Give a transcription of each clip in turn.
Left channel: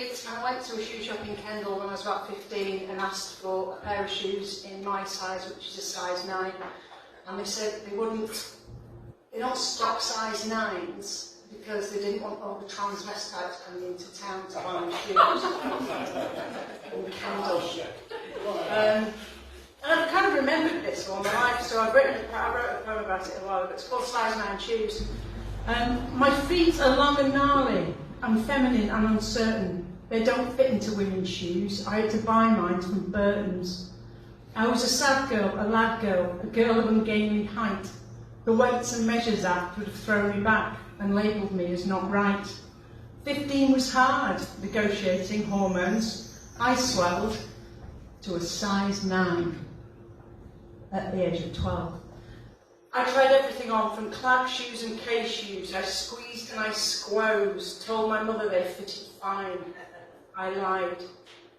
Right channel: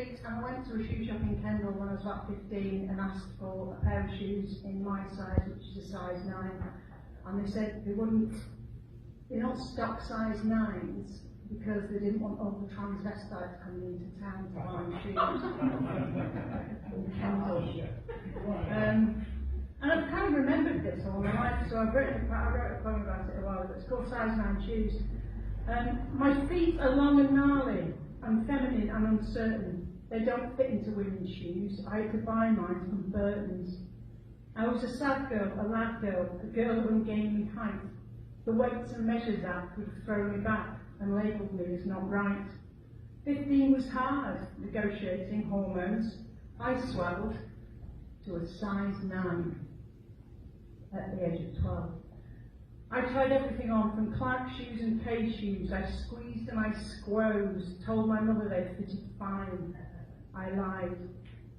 feet, and I went to a shoe shop in Kendal when I was about 15 and asked for a pair of shoes in my size, which is a size 9. And they said they're not stock size 9s because they didn't want all the transvestites coming into town to buy shoes in Kendal. And I've kind of remembered this all my life, so I wrote a poem about it a while ago. It's called Size 9 Shoes. My feet are long and gnarly, and feminine and uncertain. They don't fit into women's shoes. I had to buy mine from Burton's. I was a sad girl, a lad girl, a girl of ungainly height. The Weights and Measures Act would have thrown me back and labelled me as not right. 15 was hard, negotiating hormones. I swelled to a size 9 at the age of 12. I tried everything on, from Clark shoes and K shoes. I squeezed and I squoze, told my mother they fitted fine. I lied.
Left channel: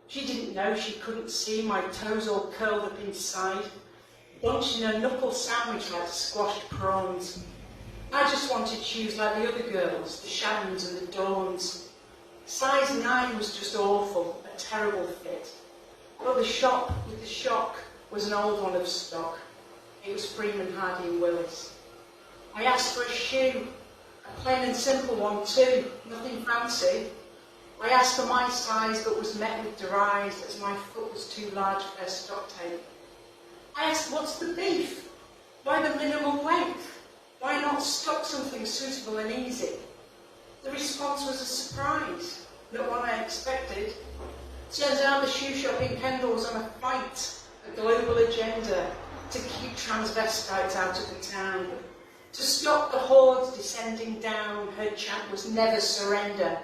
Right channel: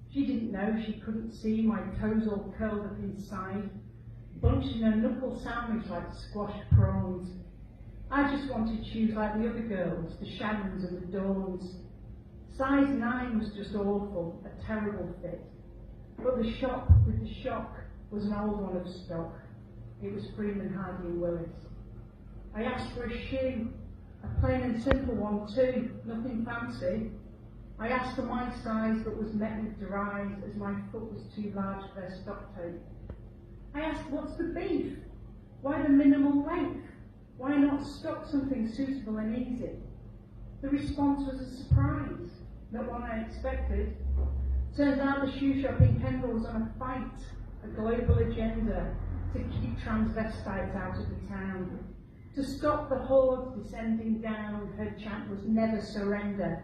She didn't know, she couldn't see my toes all curled up inside, bunched in a knuckle sandwich like squashed prawns. I just wanted shoes like the other girls, the Shannons and the Dawns. Size 9 was just awful, a terrible fit. But the shop with the shock was an old one of stock. It was Freeman, Hardy and Willis. I asked for a shoe, a plain and simple one too, nothing fancy. I asked for my size but was met with deride as my foot was too large for their stock take. I asked, what's the beef? Why the minimal length? Why not stock something suitable and easy? The response was a surprise, not one I expected. Turns out the shoe shop in Kendal was on a fight, a global agenda to keep transvestites out of the town. To stop the hordes descending down, her chant was never surrender.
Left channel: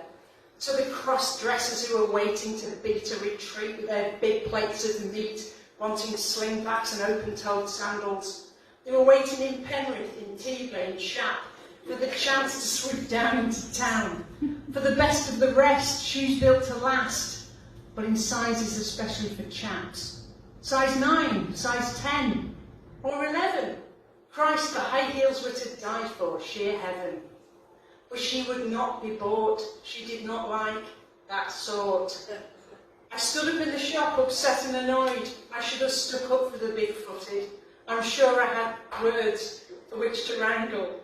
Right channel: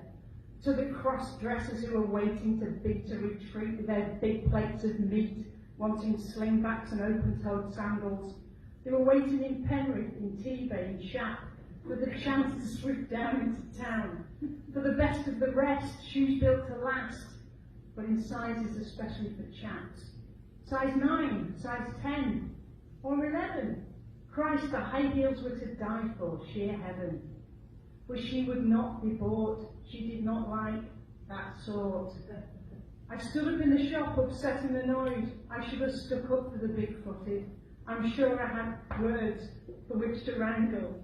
To the cross-dressers who were waiting to beat a retreat with their big plates of meat, wanting slingbacks and open-toed sandals. They were waiting in Penrith, in Tebay, in Shap, for the chance to swoop down into town. For the best of the rest, shoes built to last, but in sizes especially for chaps. Size 9, size 10, or 11. Christ, the high heels were to die for, sheer heaven. But she would not be bought. She did not like that sort. I stood up in the shop, upset and annoyed. I should have stuck up for the big-footed. I'm sure I had words for which to wrangle.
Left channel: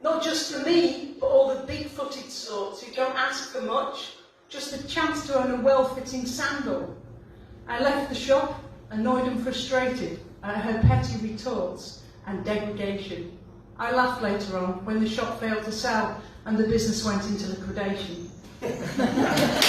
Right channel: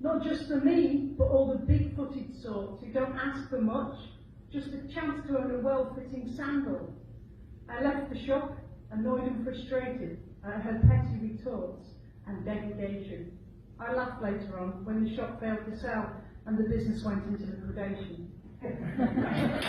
Not just for me, but all the big-footed sorts who don't ask for much, just a chance to own a well-fitting sandal. I left the shop, annoyed and frustrated at her petty retorts and degradation. I laughed later on when the shop failed to sell and the business went into liquidation.